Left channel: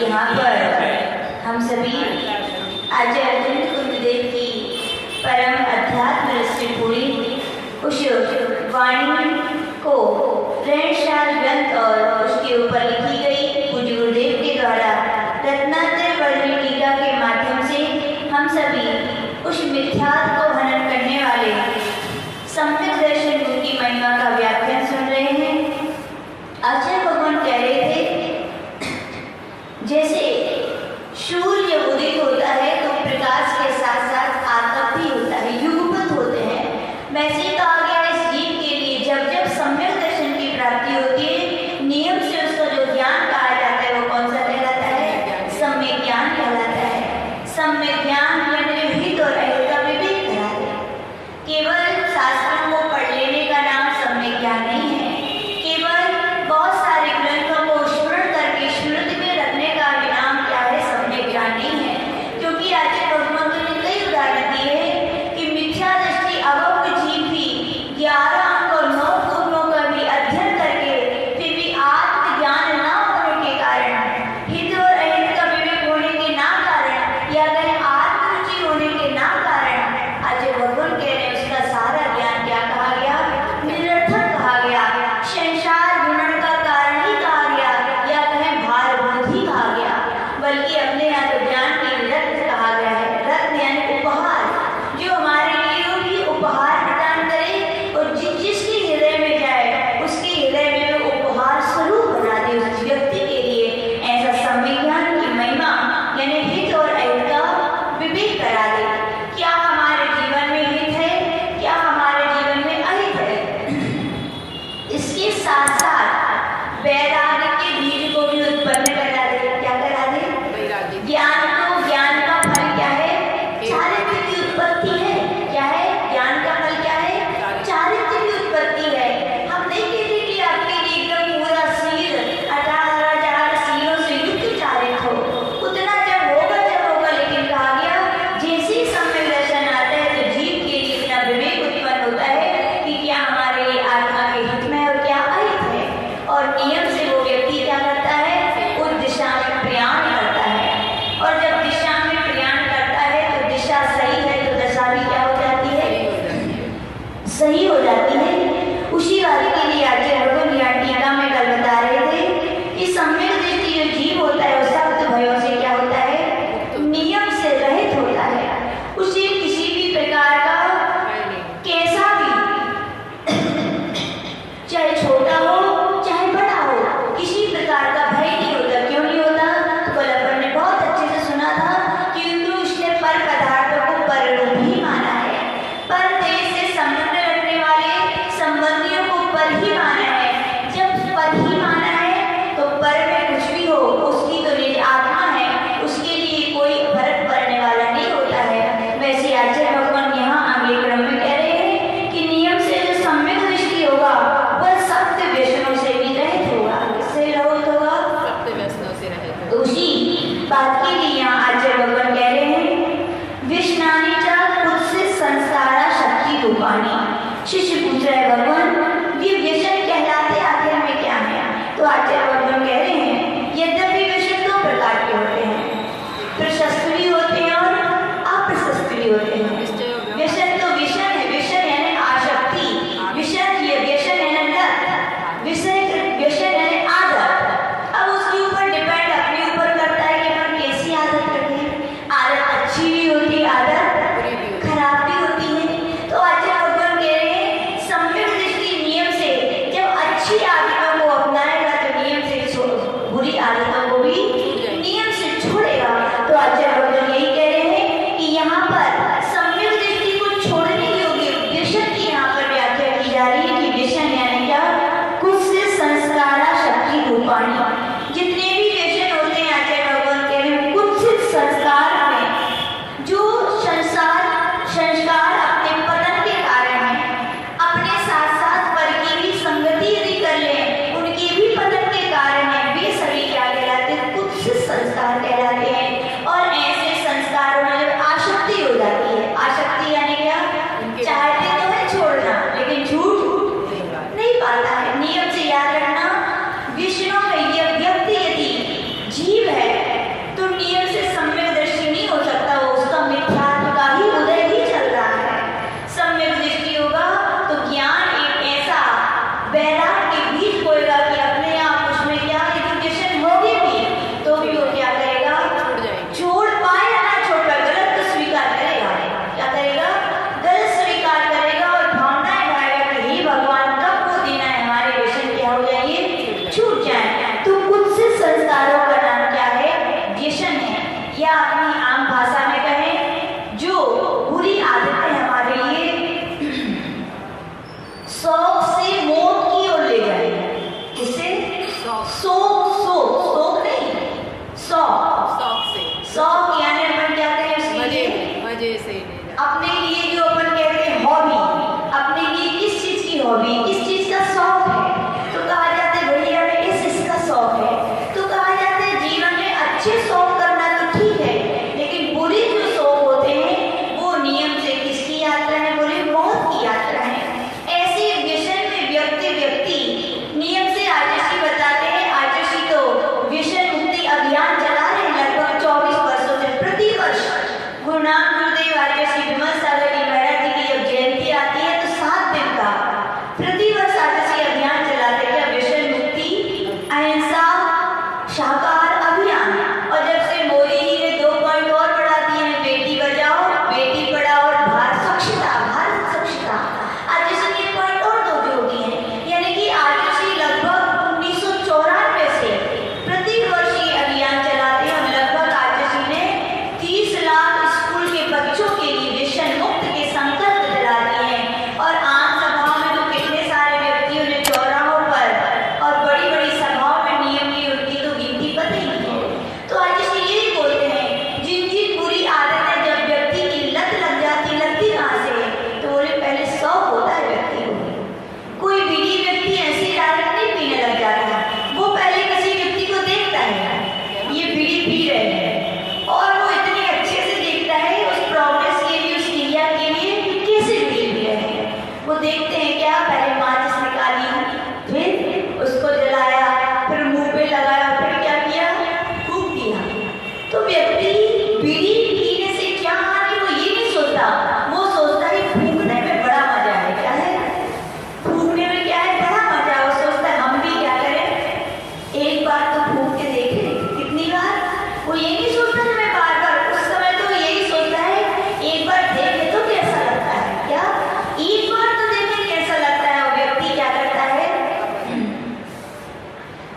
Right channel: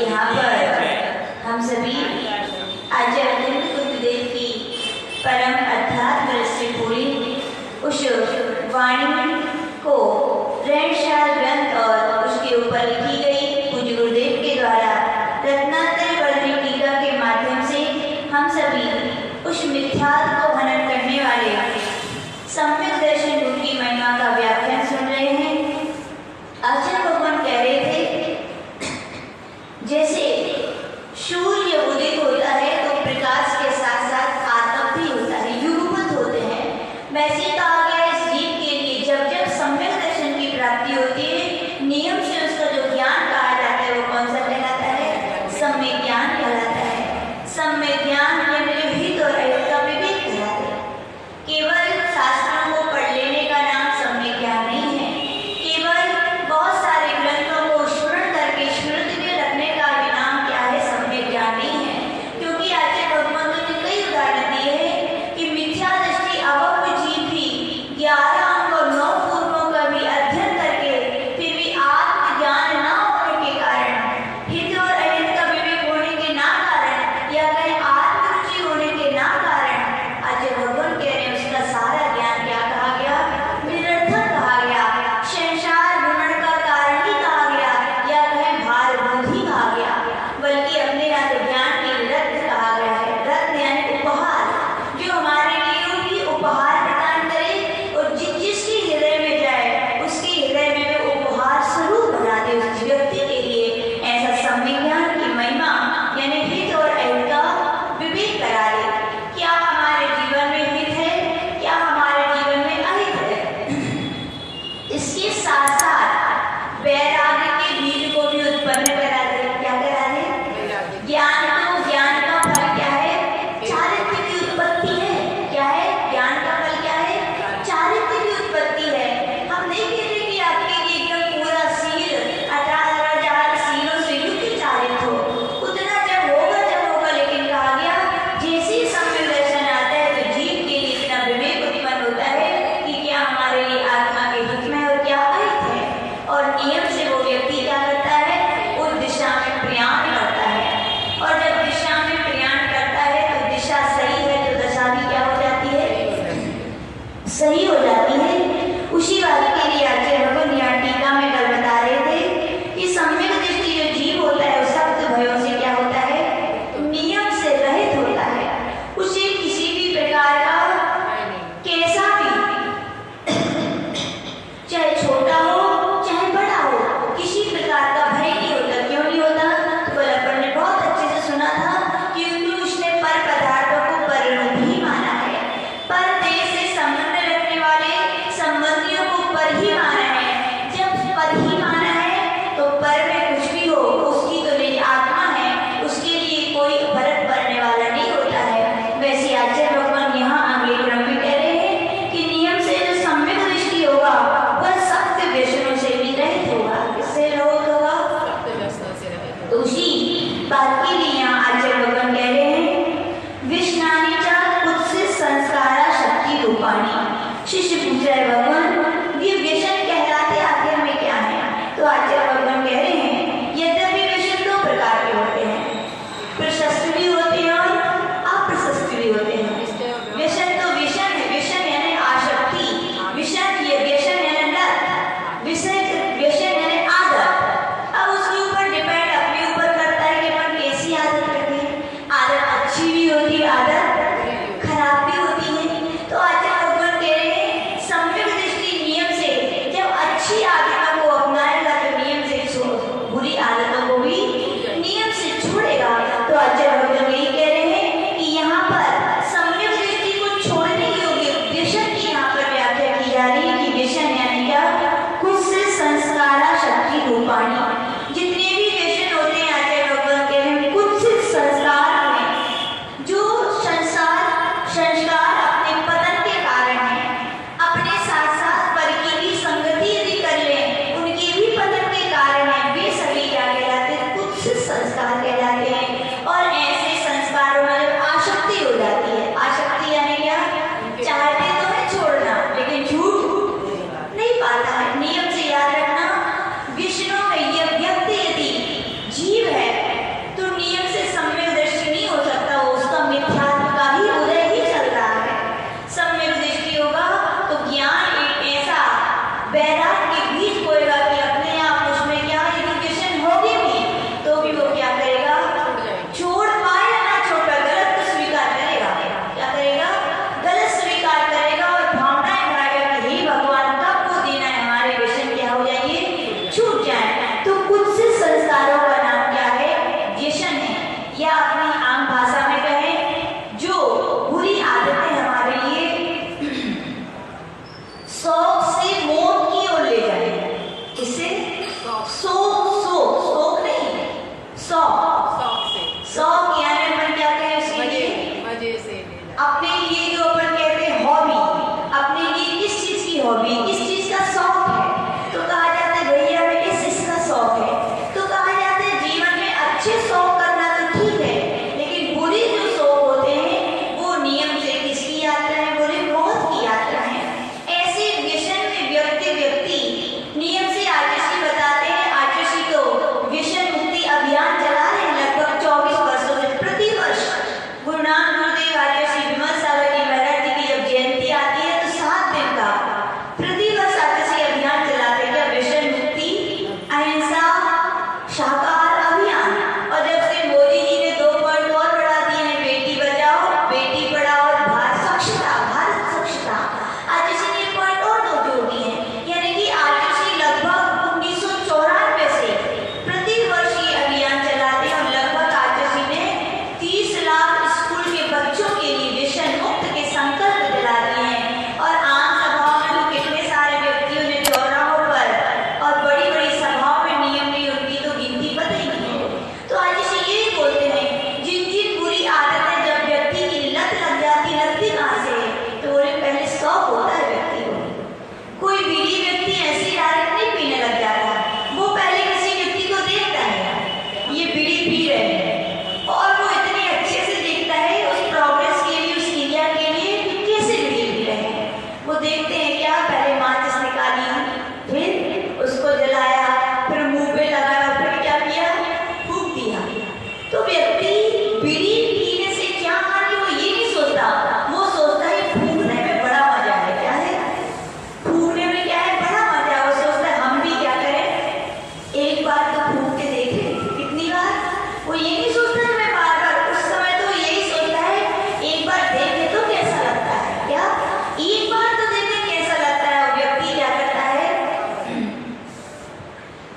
यहाँ पर हम सभी आचार्य गुरुदेव की परम अध्यात्म रस से पूरी उस वाणी को प्रणशाल ग्रंथ और उसके ऊपर लिखी गई पूज्य गुरुदेव के द्वारा रत्नात्रय वर्णनी टीका के माध्यम से हम सभी उस मिथ्यात्व को हनन करने वाले सम्यक दर्शन गुरु की महिमा का व्याख्यान सुन रहे हैं। आचार्य भगवान कह रहे थे, जैसे सूर्य उदित होता है तो प्रकाश के साथ साथ आतप भी होता है, युगपत होते हैं। वैसे कहा गया इस जीव के लिए जब जब सम्यक दर्शन की प्राप्ति होती है, नियम से उसका जो ज्ञान कहा जाता है वो कौन सा कहलाता है? सम्यक सही हो जाती है। उसी बात के लिए आचार्य भगवान यहाँ टीका में कल बता रहे थे कि सम्यक दृष्टि जो जीव होता है वो सख्त भयों से क्या होता है, नियम से रहित होता है। उसे किसी भी प्रकार का कैसा भी चाहे छोटा हो चाहे बड़ा हो, किसी प्रकार का भय नहीं होता। क्यों नहीं होता? तो गोलापन ने बहुत अच्छे से सुना था, क्योंकि उसने पर पदार्थों को पर रूप ही माना है। पर देश से संबंध रखने वाले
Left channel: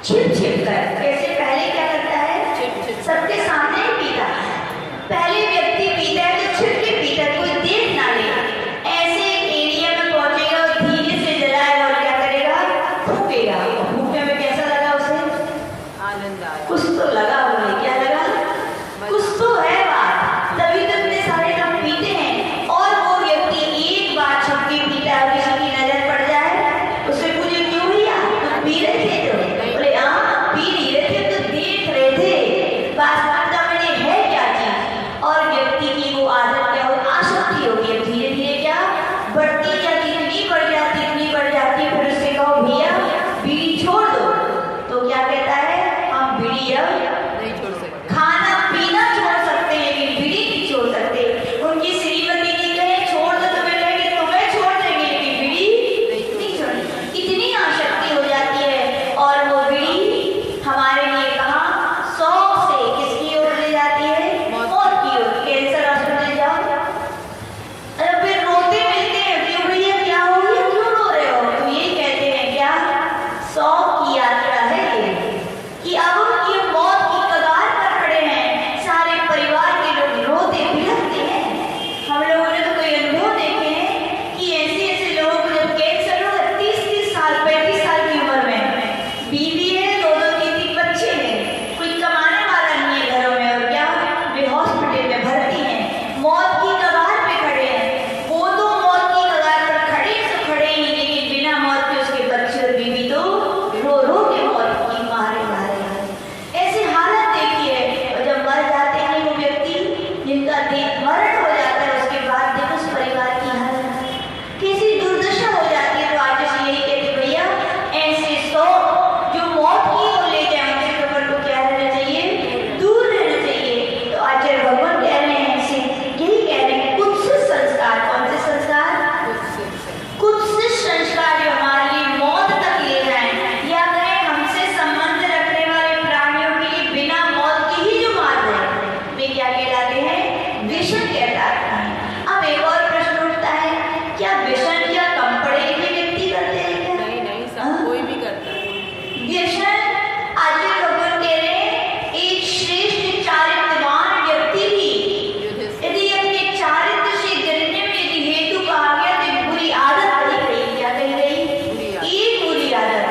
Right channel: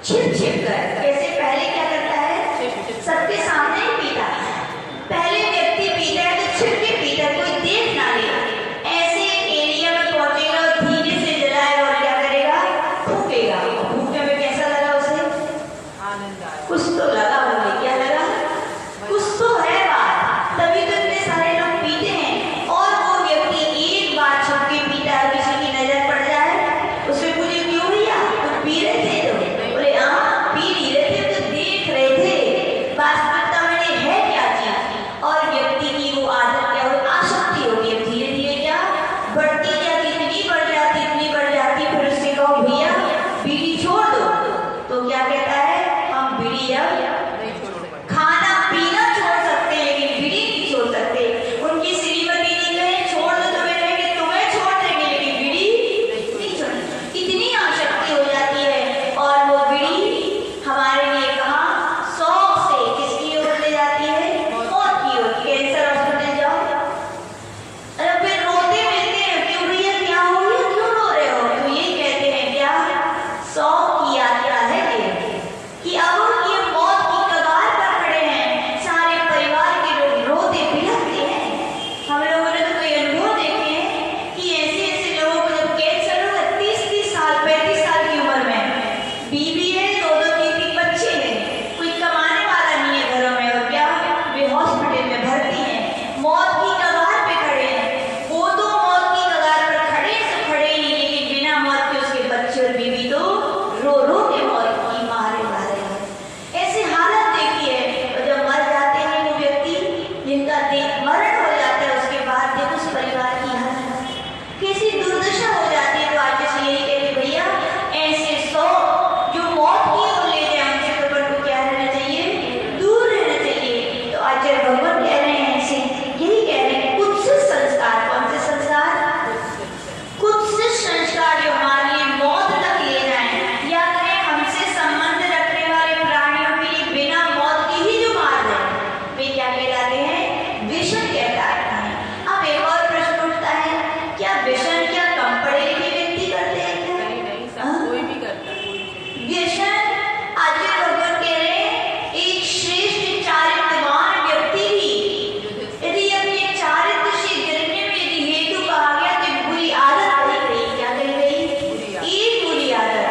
छिप छिप कर। कैसे? पहले क्या करता है? सबके सामने ही पीता है। पहले व्यक्ति पीता है तो छिप के पीता है, कोई देख ना ले। ऐसे एरिया में पहुंचेगा और धीरे से जलाएगा और क्या करेगा? फूकेगा। और फूकने में कैसा लगा उसे? आनंद आया। कुछ तो लगा उन्हें। क्या लगा? कुछ तो है बात, तभी तो इतने सारे लोग पीते हैं। और वो व्यक्ति एक बार छुप के पीता है, किसी की नजर पड़ जाए, उससे पूछे क्यों भैया तुम पी रहे थे? तो बोले हाँ पी नहीं रहे थे, तो देख रहे थे। वास्तविकता में है क्या चीज? और व्यक्ति की वो आदत क्या हो? आसक्ति होगी। धीरे धीरे क्या बढ़ती जाती, इतनी बढ़ जाती, इतनी बढ़ जाती। फिर उससे कहो भैया बीड़ी छोड़ दो, तो क्या कहता है? हम बीड़ी अब नहीं छोड़ सकते। खाना पीना छोड़ सकते हैं लेकिन बीड़ी नहीं छोड़ सकते। उनकी श्रीमती ने कहे छोड़ दो, तुम्हें कहेंगे तुम्हें छोड़ देंगे लेकिन बीड़ी नहीं छोड़। इतनी आसक्ति हो जाती है। और वो बीड़ी हमारे लिए कहाँ? शौक से किसकी ओर ले जाती है? मौत की ओर। कैंसर हॉस्पिटल जाओ, अरे फिर रोते मिलते हैं, क्यों भैया क्या हो गया, क्यों रो रहे हो? तो ये कहते हैं क्या? शौक की यात्रा है ये, कि अब ये मौत की कगार पर खड़े हैं। सारे परिवार के लोग रोते बिलखते हैं। हम लोगों ने तो कोई अनुभव देखे हैं कि ऐसे ऐसे लोगों को जब कैंसर होगा 30-30 साल 35 साल की उम्र में, बीवी है, 2-2 3-3 बच्चे हैं, कोई कमाने वाला नहीं है घरों में, और क्या वे हॉस्पिटल में भर्ती हैं, मौत की कगार पे खड़े हैं। वो तो मौत की कगार पर खड़े से खड़े ही, लेकिन बिना मौत के उसके बच्चे और बीवी तो रो रो के मौत की मारे मारे। ऐसी हालत देखी है। और जब मर जाते हैं वो व्यक्ति, जिनका मरण हो जाता है, उसके बाद देखो उस परिवार की हालत कैसी दुर्दशा हो जाती है। तो आज यही कहते भैया ऐसे शौक जो मौत की ओर ले जाए, उनसे तो अपन को क्या रहना चाहिए? दूर रहना चाहिए। तो आचार्य भगवान कह रहे हैं ऐसे, यही कह रहे हैं कुत्सित संस्कार। कौन से संस्कार? कुत्सित संस्कार जो हमारे लिए मौत तक ले जाए, या कहें हमसे संबंध रखने वाले प्राणियों के लिए बिना मौत के ही जो मार रहे, वे क्या कहलाते हैं? व्यसन कहलाते हैं। अब एक और प्रश्न उठता है, क्या व्यसन क्या कम पढ़े लिखे व्यक्ति करते हैं क्या? नहीं नहीं, सब कोई भी करता है। व्यसन आचार्य भगवान कह रहे हैं एक श्रेष्ठ चारित्रवान व्यक्ति भी यदि अपने चारित्र से गिरने में यदि हेतु कहा गया तो बुरी आदत पड़ी गई। क्या कही गई? एक बुरी आदत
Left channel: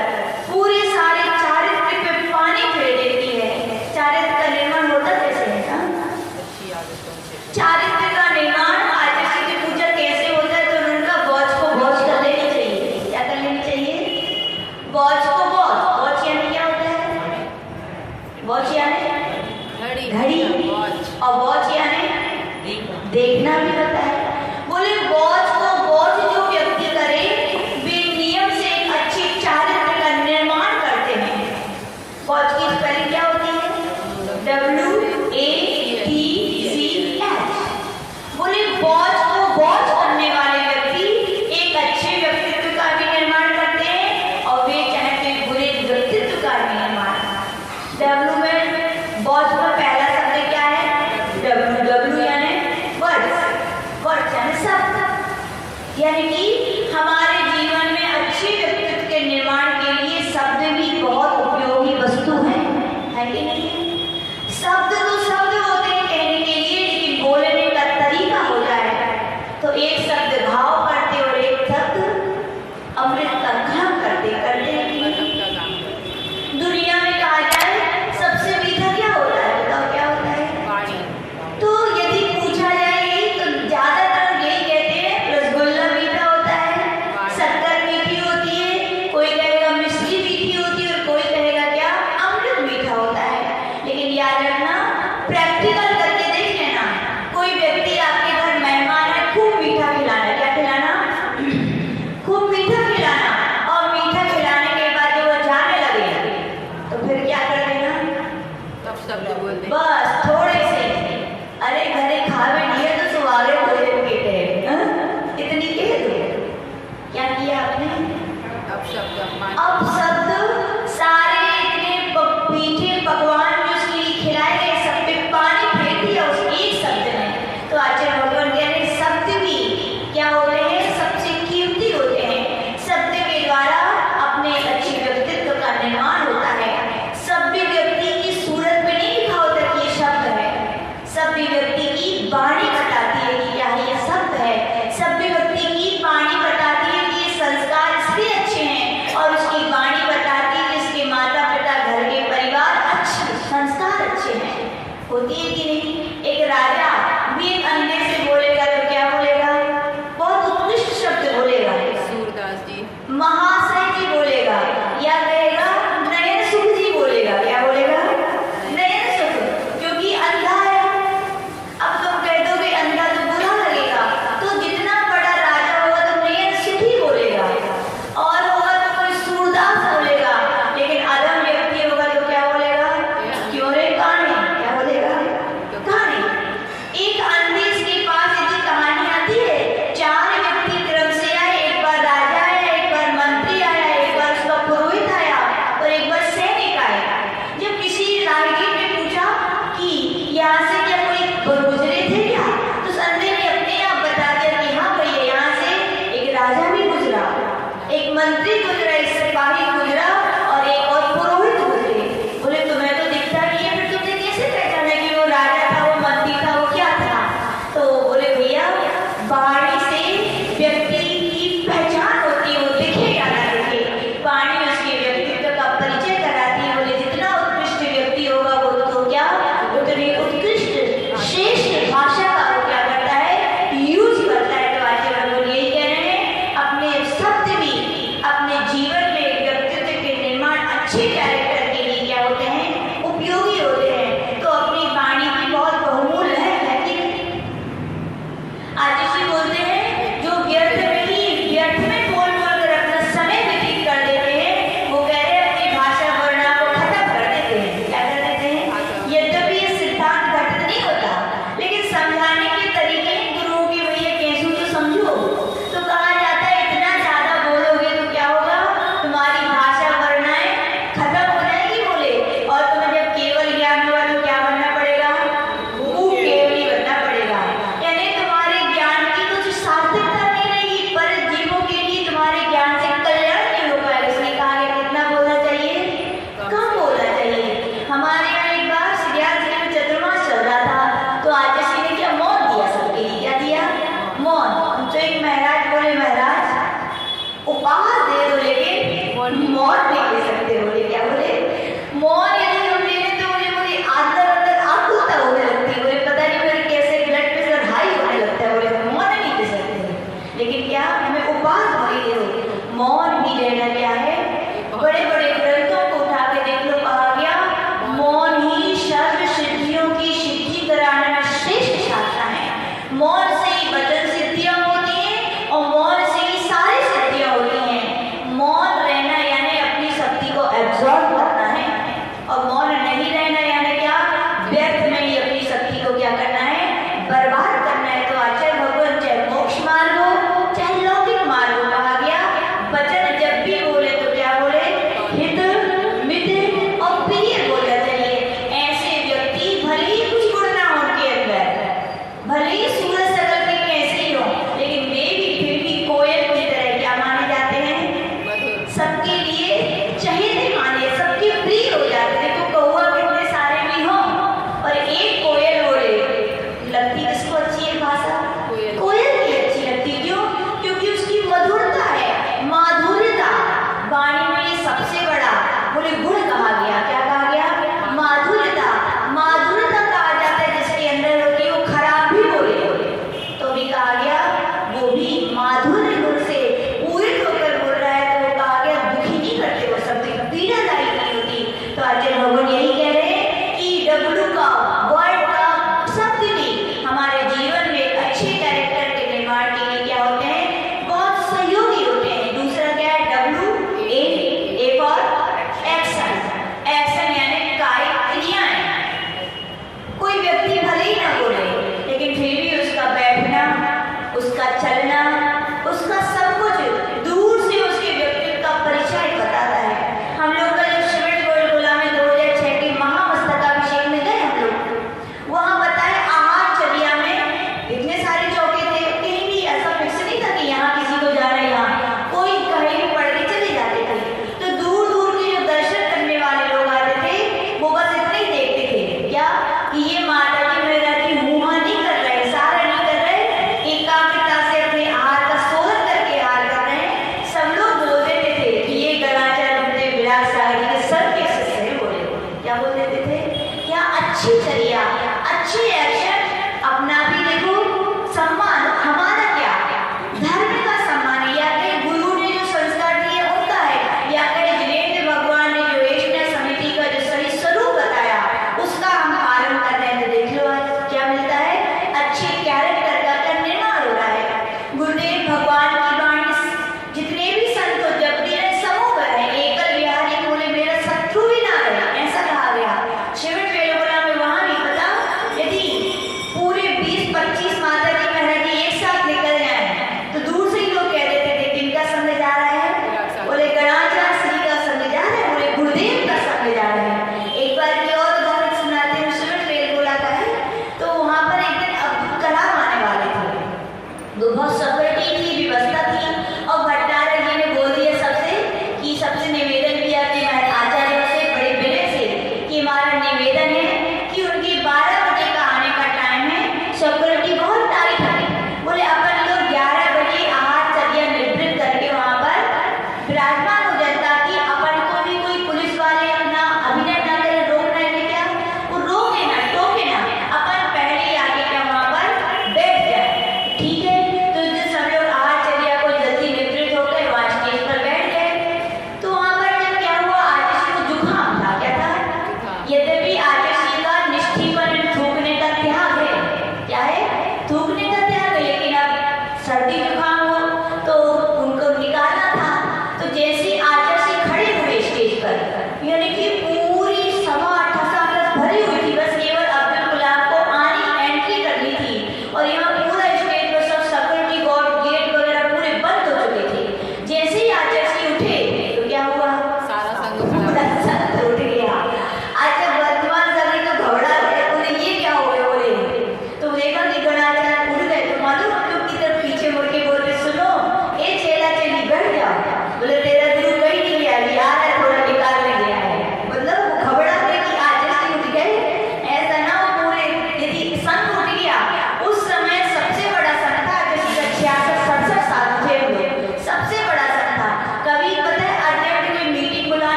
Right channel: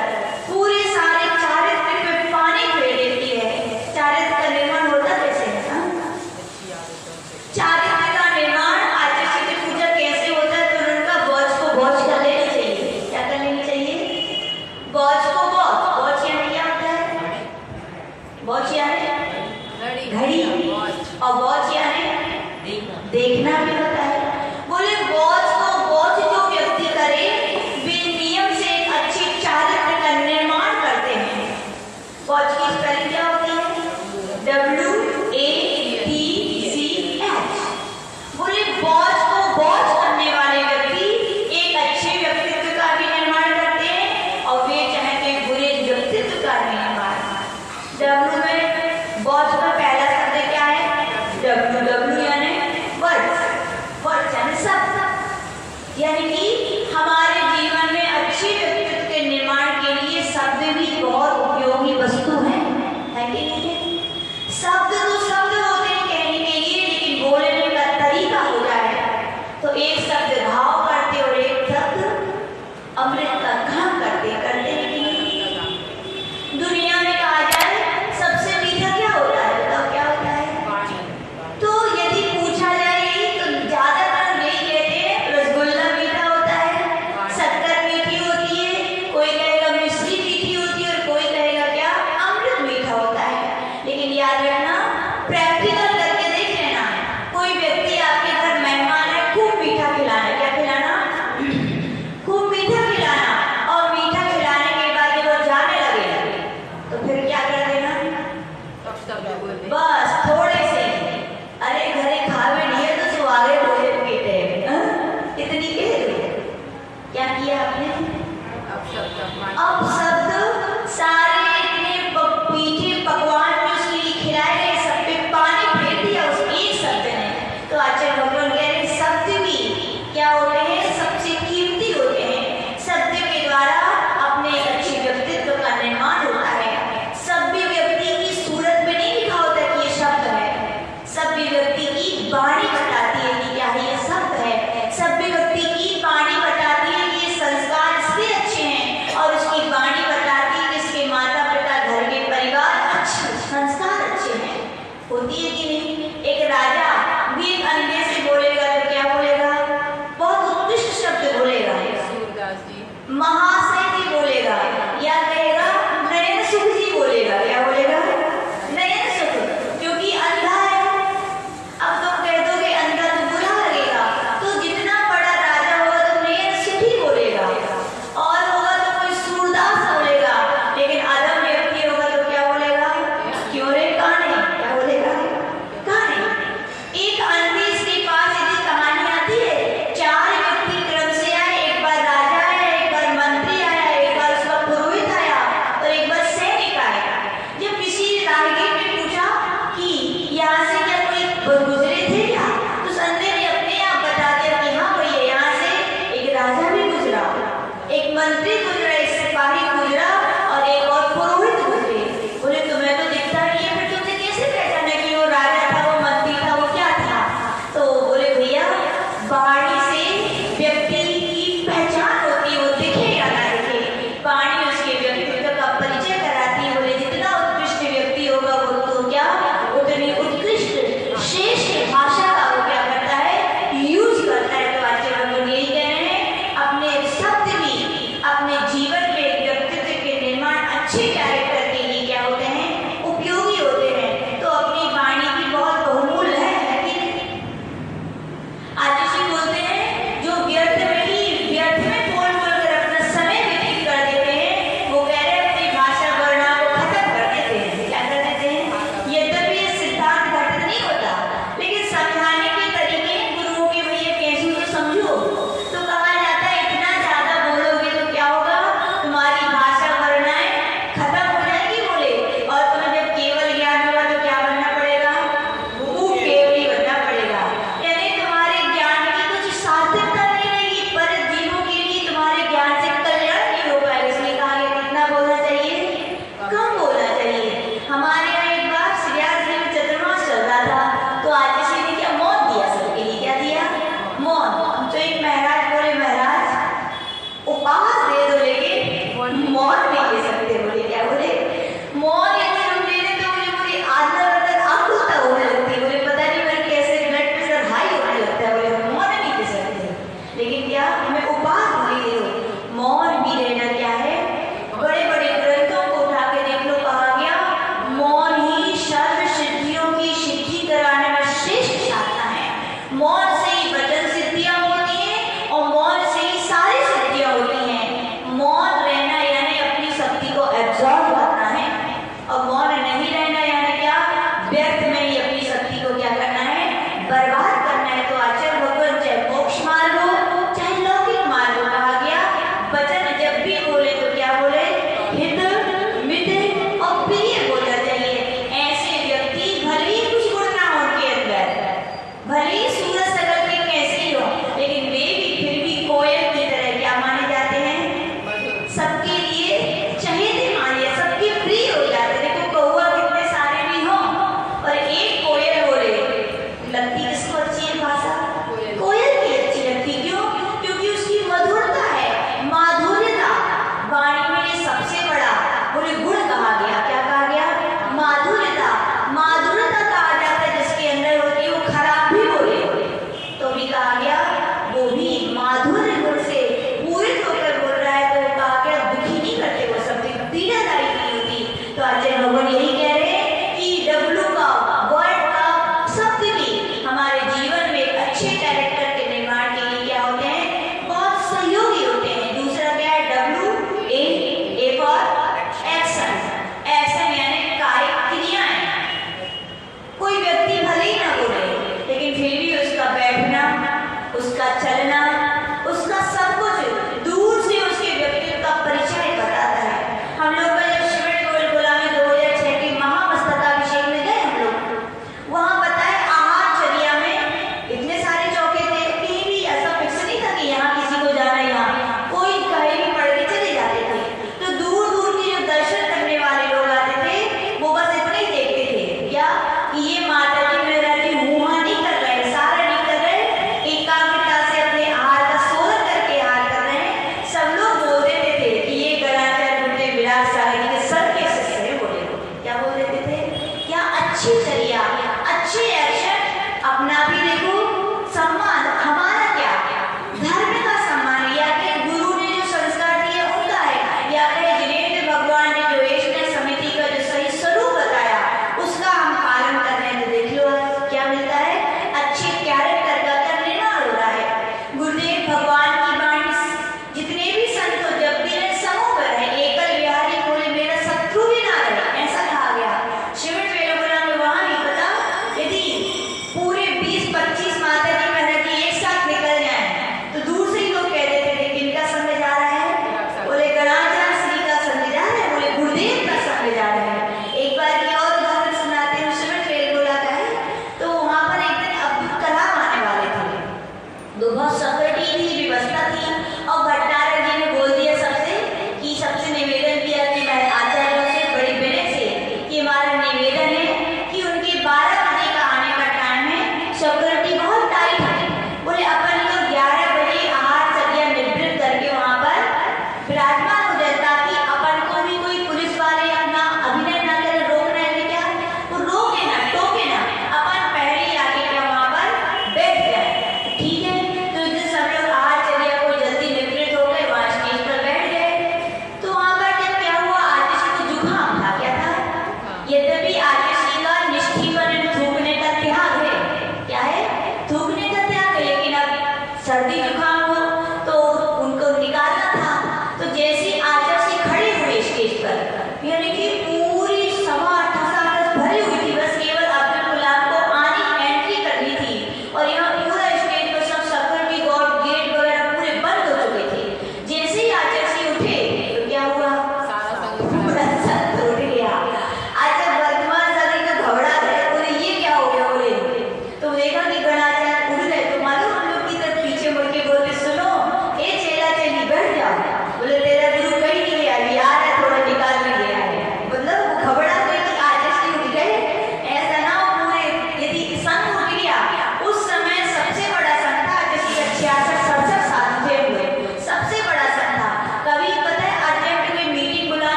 पूरे सारे चारित्र पे पानी फेर देती है। चारित्र का निर्माण होता कैसे है? अच्छी आदतों से। चारित्र का निर्माण आचार्य से पूछा कैसे होता है, तो उनका वॉच को वॉच कर लेनी चाहिए। क्या कर लेनी चाहिए? वॉच को वॉच। वॉच यानी क्या होता है? वॉच यानी घड़ी, और वॉच यानी देखना भी होता है। बोले वॉच को वॉच जो व्यक्ति करे, वे नियम से एक अच्छी चारित्र का निर्माण करते हैं। वॉच की स्पेलिंग क्या होती है? WATCH। बोले वॉच को वॉच करने वाले व्यक्ति एक अच्छे व्यक्तित्व का भी निर्माण करते हैं, और वे चाहते हैं बुरे व्यक्तित्व का भी निर्माण। W में वॉच का पहला शब्द क्या है? W यानी वर्ड्स। वर्ड्स यानी शब्द, यानी कि हमारे जीवन में अच्छे व्यक्तित्व के निर्माण के लिए शब्द भी बहुत उपयोगी वस्तु है कि नहीं है? शब्द तो शब्द होते हैं कहने के लिए, लेकिन बोलने का तरीका हो जाए तो एक शब्द घाव करते और एक शब्द अमृत का काम करते करते नहीं। दुनिया में कहा जाए सबसे मीठा क्या होता है? बताओ क्या होता है? तो यदि पूछा जाए तो ज्यादातर यही कहते हैं रसगुल्ला मीठा होता है,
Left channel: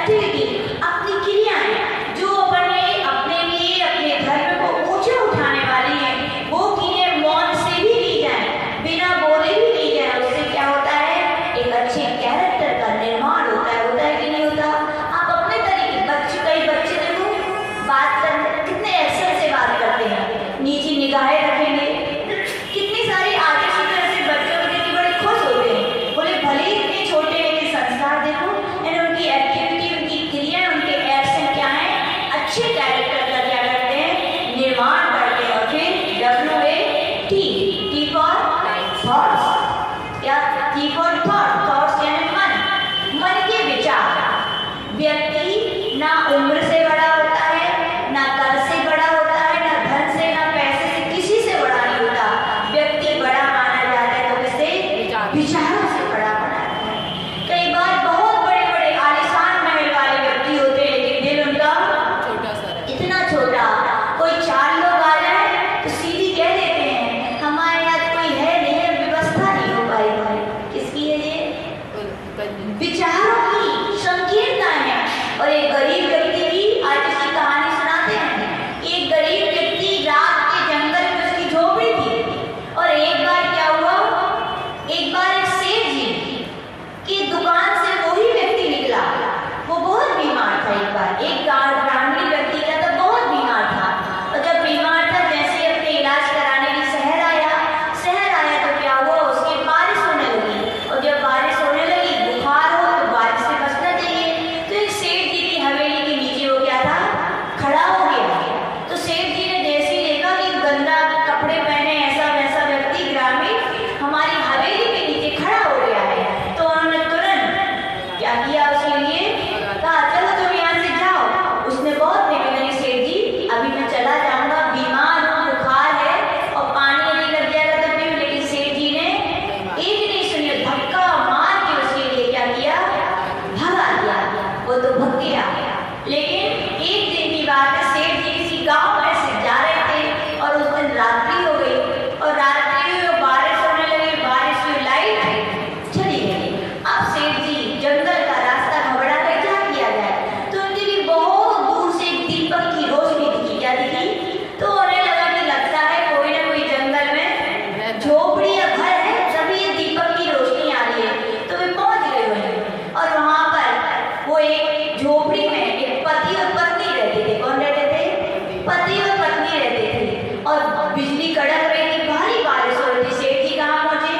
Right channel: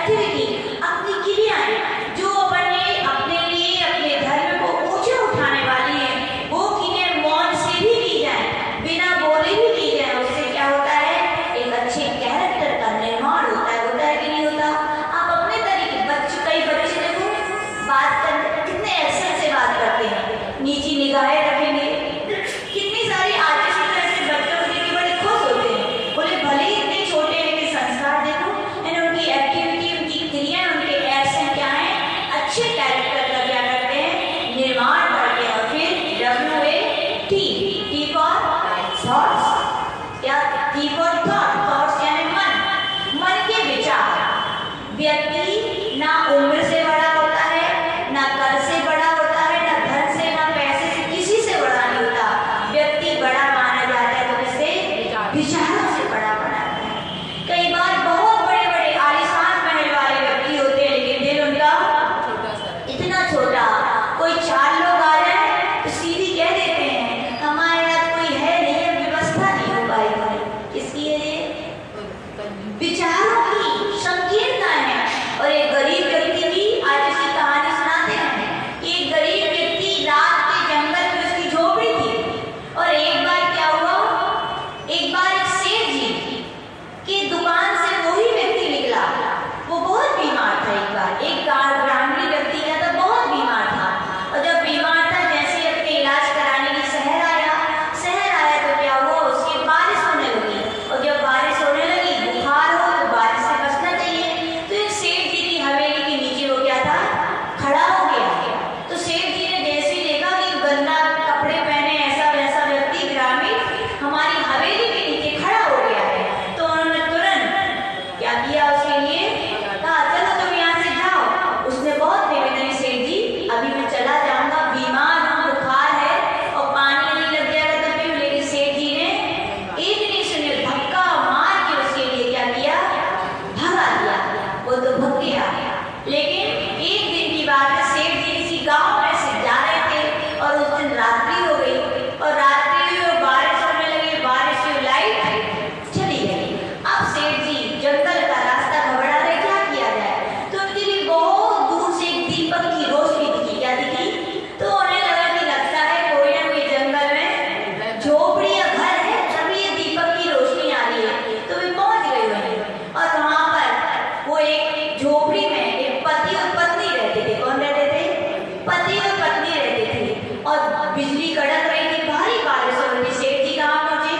एक्टिविटी, अपनी क्रियाएं जो अपने लिए अपने धर्म को ऊंचा उठाने वाली है, वो क्रियाएं मौन से भी की जाए, बिना बोले भी की जाए। उससे क्या होता है? एक अच्छे कैरेक्टर का निर्माण होता है कि नहीं होता? आप अपने तरीके कई बच्चे देखो बात करते कितने एक्शन से बात करते हैं, नीची निगाहें रखेंगे, कितनी सारी आर्टिस्ट ऐसे बच्चे होते हैं कि बड़े खुश होते हैं, बोले भले ही इतने छोटे हैं कि संस्कार देखो, उनकी एक्टिविटी, उनकी क्रिया, उनके एक्शन क्या है, अच्छे कैरेक्टर का क्या करते हैं, निर्माण करते हैं। और फिर WAT, T for थॉट्स, क्या T for थॉट्स यानी मन के विचार। व्यक्ति ना उम्र से बड़ा होता है, ना कद से बड़ा होता है, ना धन से, ना पैसे से, किसी से बड़ा नहीं होता। व्यक्ति बड़ा माना जाता है तो किससे? विचारों से बड़ा माना जाता है। कई बार बहुत बड़े बड़े आलीशान महल वाले व्यक्ति होते हैं, लेकिन दिल उनका छोटा सा इतना छोटा। कोई 4 लोग आ जाए तो सीधी कह देते हैं हमारे यहाँ कोई है नहीं, अब व्यवस्था नहीं हो पाएगी। किसकी है ये? विचारों की संकीर्णता है। और एक गरीब व्यक्ति भी, आज इसकी कहानी सुनाते हैं। एक गरीब व्यक्ति रात के जंगल में उसकी झोपड़ी थी, और एक बार क्या हुआ, एक बार एक सेठ जी की दुकान से वही व्यक्ति निकला। वो बहुत बीमार था। एक ग्रामीण व्यक्ति क्या था, बहुत बीमार था। और जब बीमार था, जैसे अपने इलाज कराने की शहर आया तो क्या हुआ, उसकी बारिश होने लगी। और जब बारिश होने लगी, बुखार हो तो बारिश से बचना चाहिए। तो एक सेठ जी की हवेली के नीचे वो क्या था, खड़ा हो गया। तो सेठ जी ने जैसे ही देखा कि गंदा कपड़े पहने ऐसा वैसा व्यक्ति ग्रामीण हमारी हवेली के नीचे खड़ा हो गया है, तो उन्होंने तुरंत क्या किया, उसके लिए कहा चलो तुम यहाँ से जाओ। उसने बहुत बेबी, सेठ जी अभी मैं चला जाऊंगा, बीमार हूँ, बुखार है और पानी नहीं लग जाएगा तो पीऊं। लेकिन सेठ जी ने एक नहीं सुनी, धक्का मार के उसके लिए क्या किया, भगा दिया। वो तो भग गया। लेकिन एक दिन की बात है, सेठ जी किसी गांव में से जा रहे थे और उस दिन रात्रि हो गई, और रात्रि हुई और बारिश होने लगी, बारिश हुई, लाइट चली गई। अब सेठ जी जंगल का रास्ता घबरा रहे, क्या किया जाए। तो उनके लिए बहुत दूर से एक दीपक की रोशनी दिखी। क्या दिखी? तो उन्हें लगा कि लगता है कोई ना कोई जंगल में झोपड़ी या घर है, तभी ये दीपक की रोशनी आ रही है। तो वे पहुंच गए वहीं, और वहां पर वो एक झोपड़ी में एक पति और पत्नी रहते थे। कौन रहते थे? पति और पत्नी रहते थे। और बिजली कड़क रही थी, भारी बारिश हो रही थी। सेठ जी कहाँ पहुंचे?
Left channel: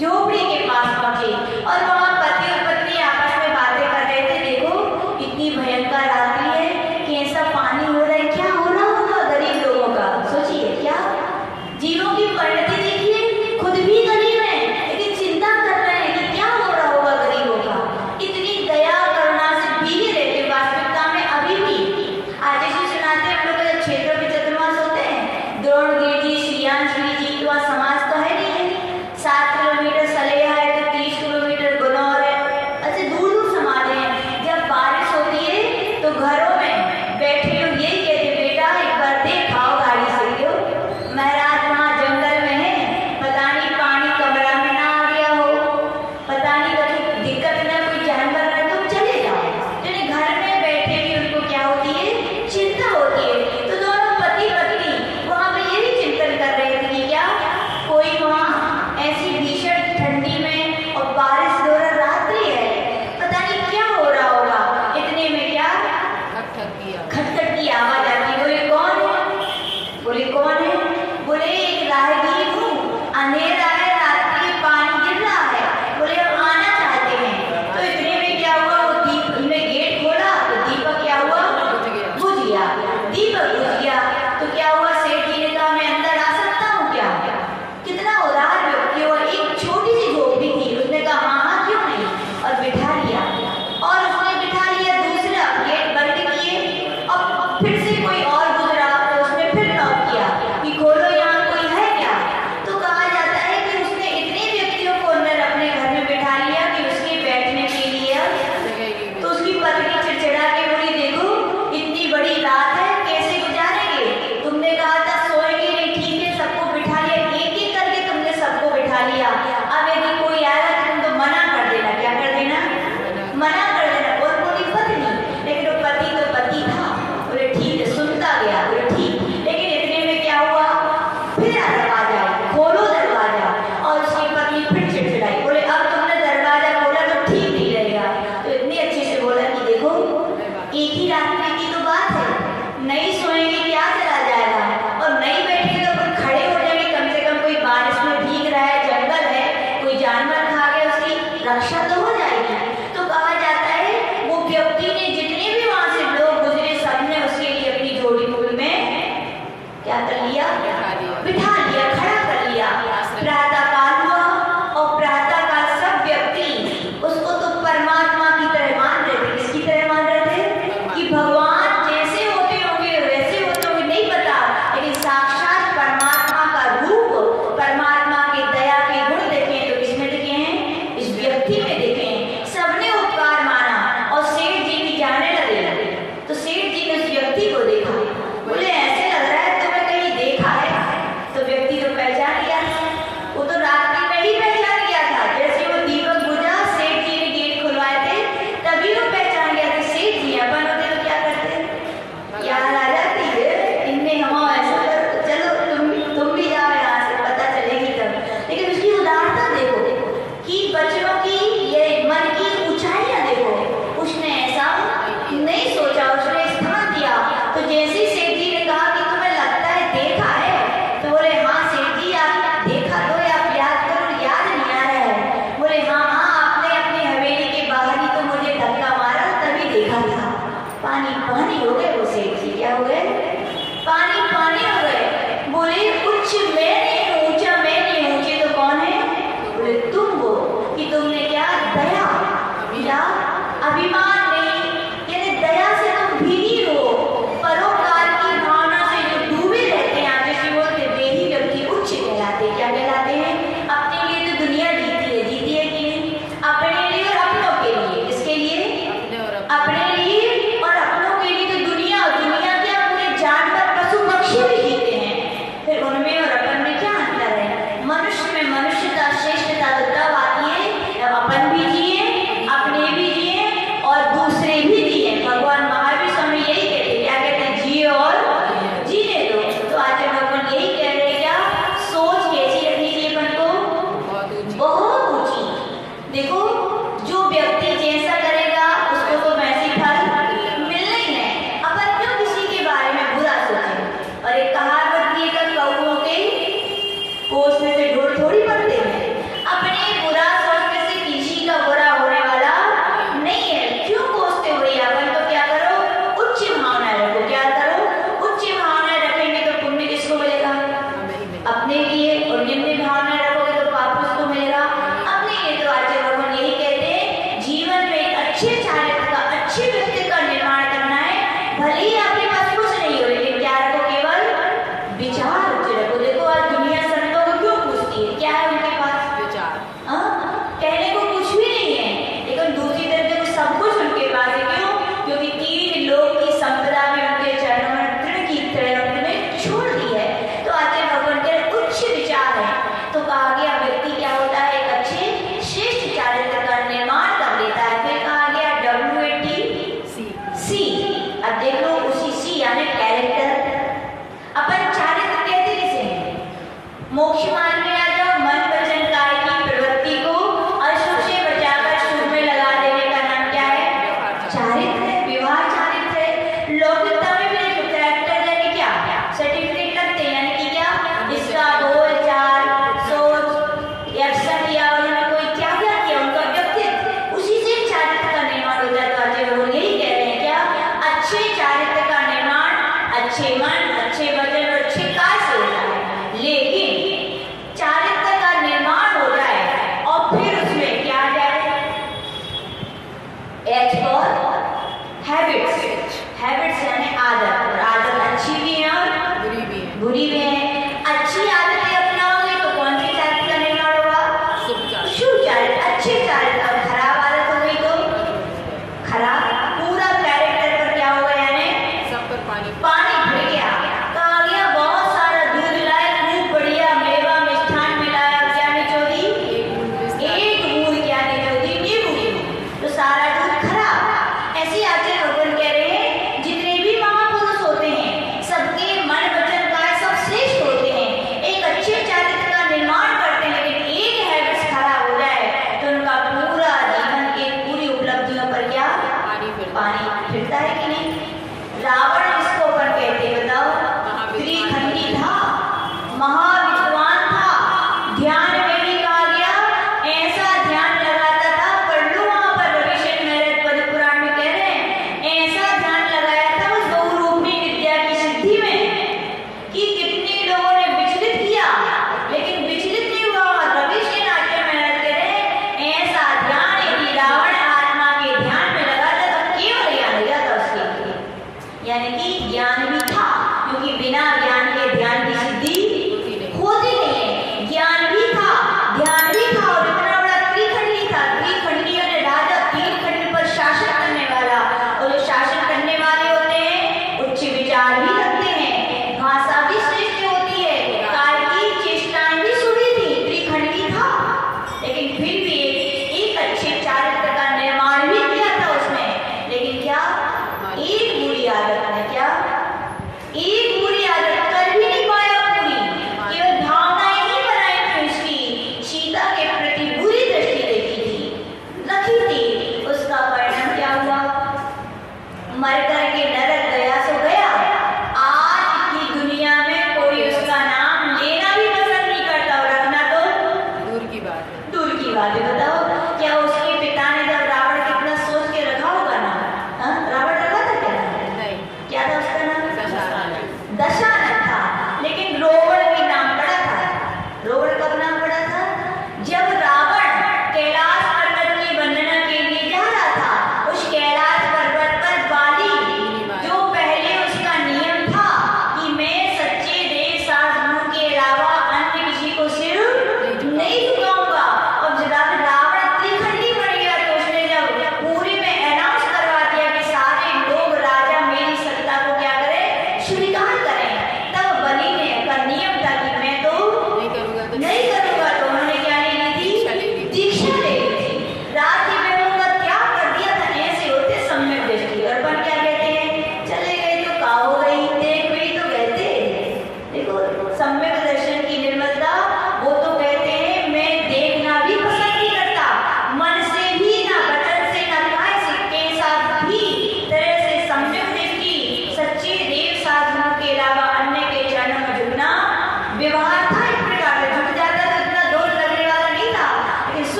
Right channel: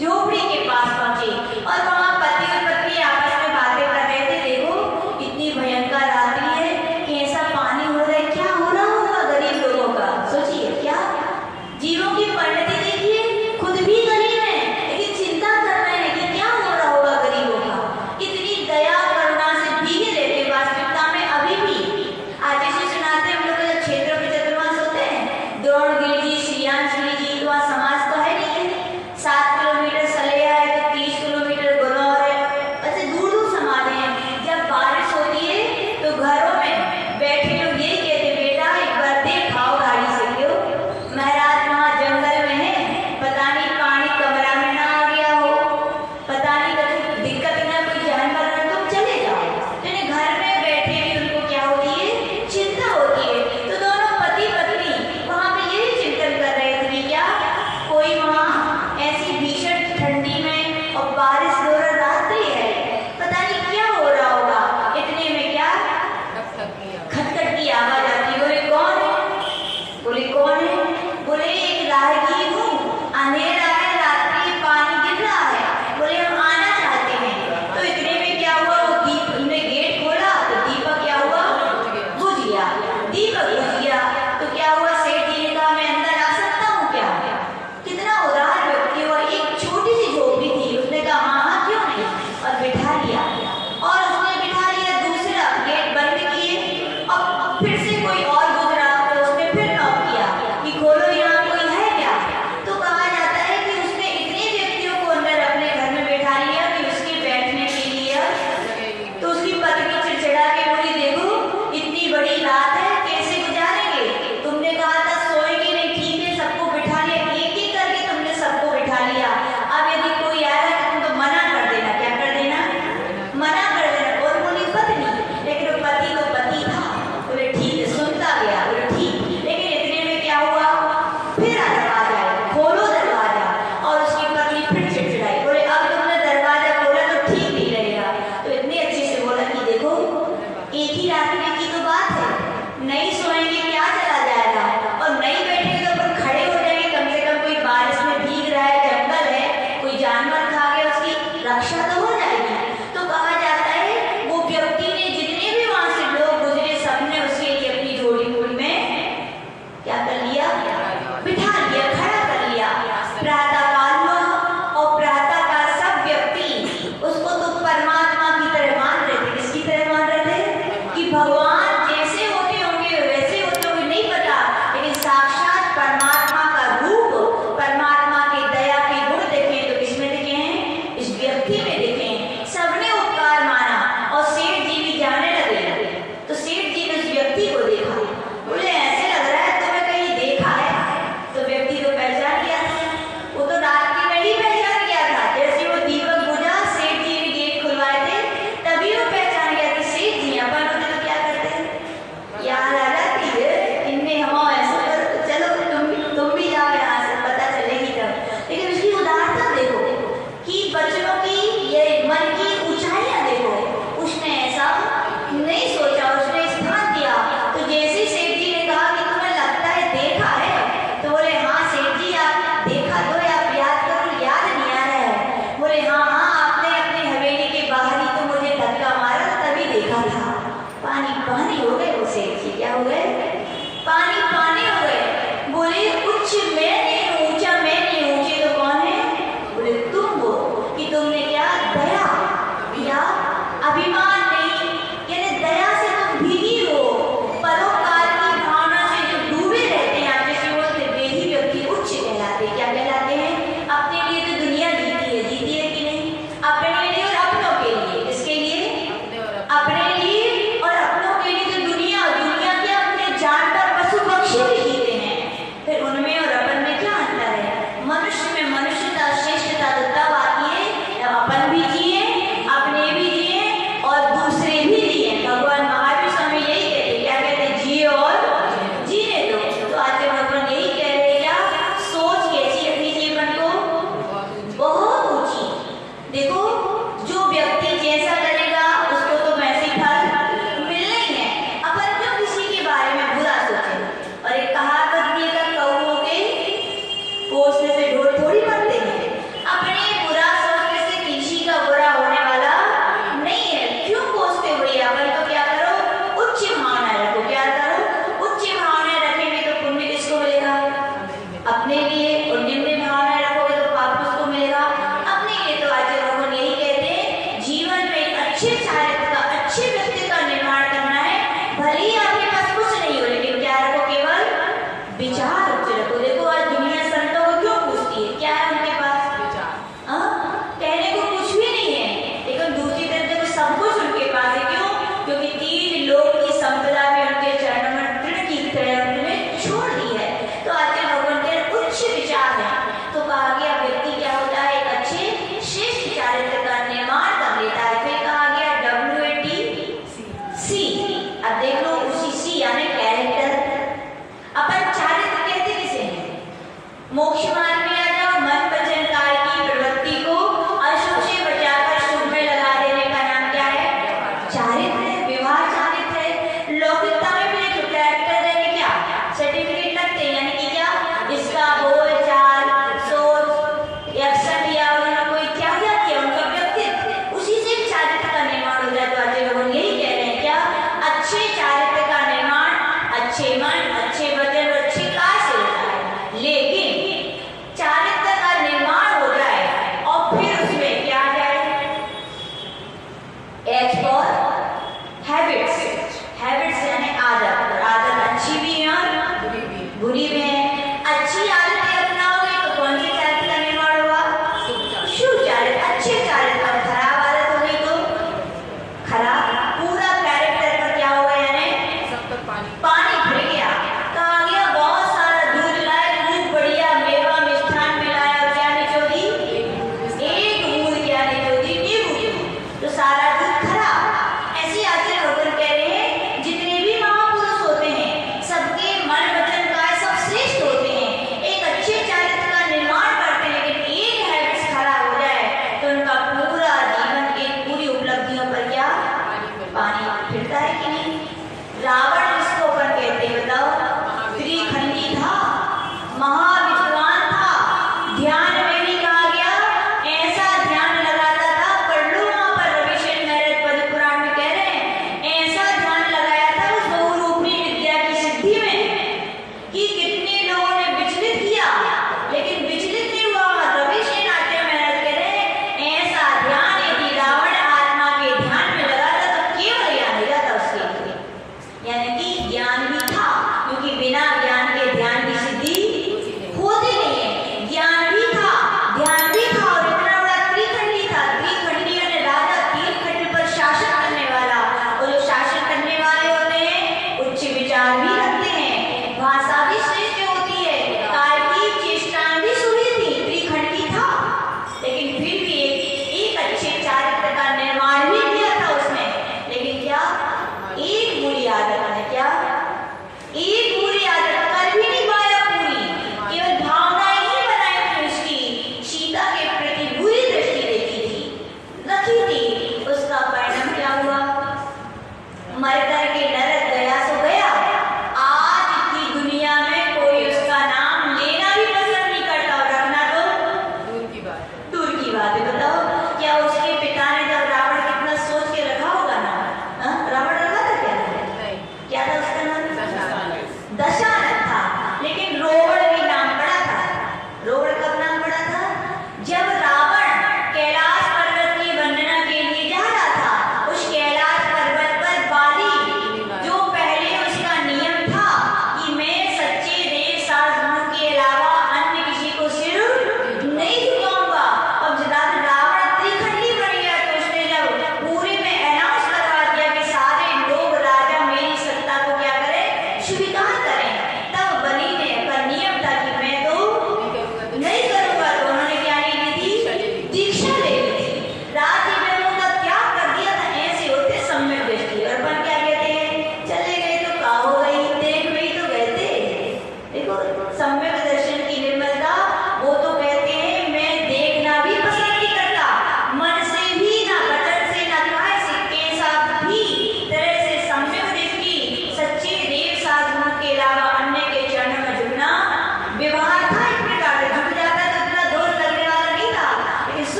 झोपड़ी के पास पहुंचे, और वहां पति और पत्नी आपस में बातें कर रहे थे। देखो इतनी भयंकर रात्रि है कि ऐसा पानी हो रहा है, क्या हो रहा होगा गरीब लोगों का। सोचिए, क्या जीवों की परिणति देखिए, खुद भी गरीब है लेकिन चिंता कर रहे हैं कि क्या हो रहा होगा गरीबों का। इतनी दया करुणा से भीगे रहते वास्तविकता में अभी भी। आज जैसे सुनाते हैं हम लोग के क्षेत्रों के चतुर्मास होते हैं, द्रोणगिरी जी, श्रियांशगिरी जी, तो वहाँ समाज तो है नहीं है। 7 किलोमीटर सलेहा है तो 30 किलोमीटर गुनौर है, ऐसे दूर दूर समाज हैं। जब बारिश होती है तो घरों में बैठे लोग यही कहते, बेटा एक बार देख आओ गाड़ी से क्यों, महाराज वहाँ जंगल में है, पता नहीं पानी कमरा में ना आ गया हो, पता नहीं कोई दिक्कत ना कोई जानवर ना, तुम चले जाओ। यानी घर में बैठे भी उनको क्या होती है, चिंता होती है। तो दोनों पति पत्नी वहाँ पे यही चिंतन कर रहे थे कि क्या कोई वहाँ ऐसी भीषण ठंडी में और बारिश हो रही रात्रि है, पता नहीं क्या हो रहा होगा। इतने में क्या खटखट की आवाज आती। बोले कौन है? बोले कौन है? बोले एक राहगीर हूँ, अंधेरा है, रात्रि पानी गिर रहा है, बोले हम आना चाहते हैं। तो इतने में क्या हुआ, वो दीप ने गेट खोला तो दीपक क्या हुआ, बुझ गया। दीपक बुझ गया तो क्या हुआ, सेठ जी ने कहा मैं अंदर आ सकता हूँ क्या? कितना उदार व्यक्ति, और एक छोटी सी झोपड़ी थी, उसने कहा हाँ क्यों नहीं, और बिठा लिया। और उसने बिठा लिया, दूसरा गेट बंद किए, और फिर से कोई और गुजरा तो उसने फिर नॉक किया कि खोलो यहाँ कोई है क्या। तो कहा जाता है कि उसने इतने व्यक्तियों को अंदर अपने घर में बैठा लिया कि उसके बैठने के लिए। तो उसकी पत्नी चिड़चिड़ा के बोली देखो इतनी बड़ी रात है, कैसे गुजारेंगे, तुमने कहा था सोएंगे नहीं, ठीक है सबको बिठा लिया, एक एक करके तुमने सबको बिठा लिया। अब यदि कोई आया तो तुम तो मना कर देना, क्या कर देना, मना कर देना। और बोली क्या हो गए? पानी पानी हो गए। बोले उच्च मैं नहीं हूँ, ऊंचा मैं नहीं हूँ, ऊंचे तो कौन है? बोले तुम हो कि तुमने क्या दया या अभिमान नहीं, यानी दया से तुम भीगी हो, परोपकार की भावना से जो डूबे रहते हैं। आप जैसे बोलते देही व्यक्ति उच्च कहलाते हैं। क्या कहलाते हैं? अपने लिए तो दुनिया जीती है कि नहीं? अपने लिए और अपनों के लिए। किसके लिए? अपने लिए और अपनों के लिए तो दुनिया क्या अपने जानवर पशु पक्षी भी जीते हैं। फिर उनमें और अपन में क्या अंतर है? मनुष्य में मनुष्यता श्रेष्ठता तो तब आती है जब अपन भी जिए, अपने भी जिए और दूसरे भी जिए। भगवान महावीर स्वामी यही कहते, क्या कहते हैं? जिए और जीने दो। तो आज भगवान यही कह रहे हैं, क्या सोच कैसी रखनी चाहिए अपन को? बहुत ऊंची। देखो जो व्यक्ति जैसा करेगा उसको तो वैसे ही फल मिलना ही है। अपन क्यों किसी के बारे में बुरा सोचें? और एक कहावत भी है, कौओं के कोसने से ढोल थोड़ी बनते हैं। अपने बुरा सोचने से किसी का बुरा होने वाला नहीं है। क्यों कोसते हुए? अपन तो क्या करो? उच्च भावना रखो। क्या करो? उच्च भावना रखेंगे तो पुण्य किसको मिलेगा? अपने लिए। और निम्न भावना रखोगे तो पाप किसको मिलेगा? अपने लिए। तो आज भगवान यही कहते हैं, जीवन में एक अच्छे चारित्र का, अच्छे व्यक्ति का निर्माण करना है। भले ही आपके पास कुछ नहीं हो, लेकिन क्या रखो? केवल विचार उच्च रखो। देखो आज दुनिया संतों को क्यों पूछती है? क्या है उनके पास? कहने को कुछ भी नहीं है, लेकिन दूसरी तरफ देखो सब कुछ उनके पास है। क्यों? क्योंकि तीन लोग की संपदा में उनके चरणों में तृण की तरह उन्होंने छोड़ दी है। तो आते भगवान के उच्च विचार है। तो कहा गया व्यक्ति क्या होता है? एक अच्छे श्रेष्ठ चारित्र का निर्माण कर लेता है। फिर कहा गया WATC। अब देख लो उसी C यानी कैरेक्टर। अपन चारित्र कहते किसे हैं? मोक्ष मार्ग में आ जाओ, मन वचन काया की प्रवृत्ति को अशुभ से बचाकर शुभ में लगा देने का नाम क्या है? चारित्र है, व्यवहार चारित्र है। लौकिकता में भी एक कैरेक्टर यानी क्या? सर्टिफिकेट लगते हैं, यानी कि क्या? इसका बोल चाल सोच एक्शन किया, उन्होंने कोई क्या किया, उनका व्यक्तित्व, उसी से चारित्र का निर्माण हो जाता है। वो यही कह रहे हैं, क्या? अच्छे चारित्र का निर्माण अच्छे मन, अच्छे वचन और अच्छे काज से होता है। लेकिन चारित्र का निर्माण हो जाए और फिर उसमें क्या आ जाए? H for habits. हैबिट्स यानी आदत। और आदत अच्छी भी है और बुरी भी है। अच्छी आदतें अपनाओगे तो कौन सी चारित्र का निर्माण होगा? शुभ चारित्र, अच्छे चारित्र। और खराब आदत हो गई तो खराब, पूरा कैरेक्टर पर क्या होगा? यानी सब पर पानी भर गया। कहा गया बहुत सारा दूध लाए, खूब बढ़िया मेवा मिष्ठान मिलाया, क्या निचोड़ी? एक बूंद क्या निचोड़ी? नींबू की। तो सारा दूध खराब। ऐसे आचार्य भगवान कह रहे हैं, जितने भी महापुरुष होते हैं सबके मन वचन काया सब श्रेष्ठ होते हैं, एक अच्छे चारित्र का निर्माण करते हैं। लेकिन एक हैबिट्स खराब हो जाए तो उनका पूरा जीवन की पूरी उपलब्धियों पर क्या? पानी फिरता है कि नहीं? रावण जिसको अपन कहते हैं, बताओ, त्रिखंडी था, महाविद्वान था, ध्यान में भी कहा गया ऐसा ध्यान लगाता था। पढ़ लो वहां पर रविशंकर महर्षि पद्म पुराण में कह रहे हैं, ऐसा ध्यान लगाया था उस बहुरूपी विद्या की सिद्धि में कि कितने लोगों ने विचलित किया, लेकिन विचलित नहीं हुआ। रविशंकर आचार्य महर्षि कह रहे हैं, ऐसा ध्यान यदि रावण आत्मा के ध्यान में लगाता तो केवल ज्ञान हो जाता उसके लिए। यानी कि ज्ञान भी था, क्योंकि बिना ज्ञान के ध्यान की सिद्धि होती नहीं है। ज्ञान भी था, ध्यान भी था, और इतना बड़ा त्रिखंडी था। त्रिखंडी यानी राजा, तीन खंड पर शासन करने वाला। और जो शासन करने वाले होते हैं उच्च विचार भी रखते हैं, भाषा भी श्रेष्ठ होती है, काल की चेष्टाएं भी सुनी थी। त्रिखंडी था, लेकिन फिर भी एक अच्छे चारित्र का निर्माण भी किया था उसने। लेकिन क्या? एक बुरी आदत है। क्या? एक बुरी आदत कर भी नहीं पाया पूरी, केवल भावनाएं ही बनाई थी उसकी। सीता के प्रति बुरी दृष्टि देखी थी, रखी थी। उसका परिणाम क्या हुआ? मर करके नरक गया सो गया। आज की दुनिया में कोई उसका नाम लेना भी पसंद नहीं करता, और रखना तो दूर की बात है। दूर की बात है। बताओ, क्या उसके पिता ने जब रावण कितना सोच के रखा होगा नाम? रावण रखा था क्या? नहीं। क्या था उसका नाम?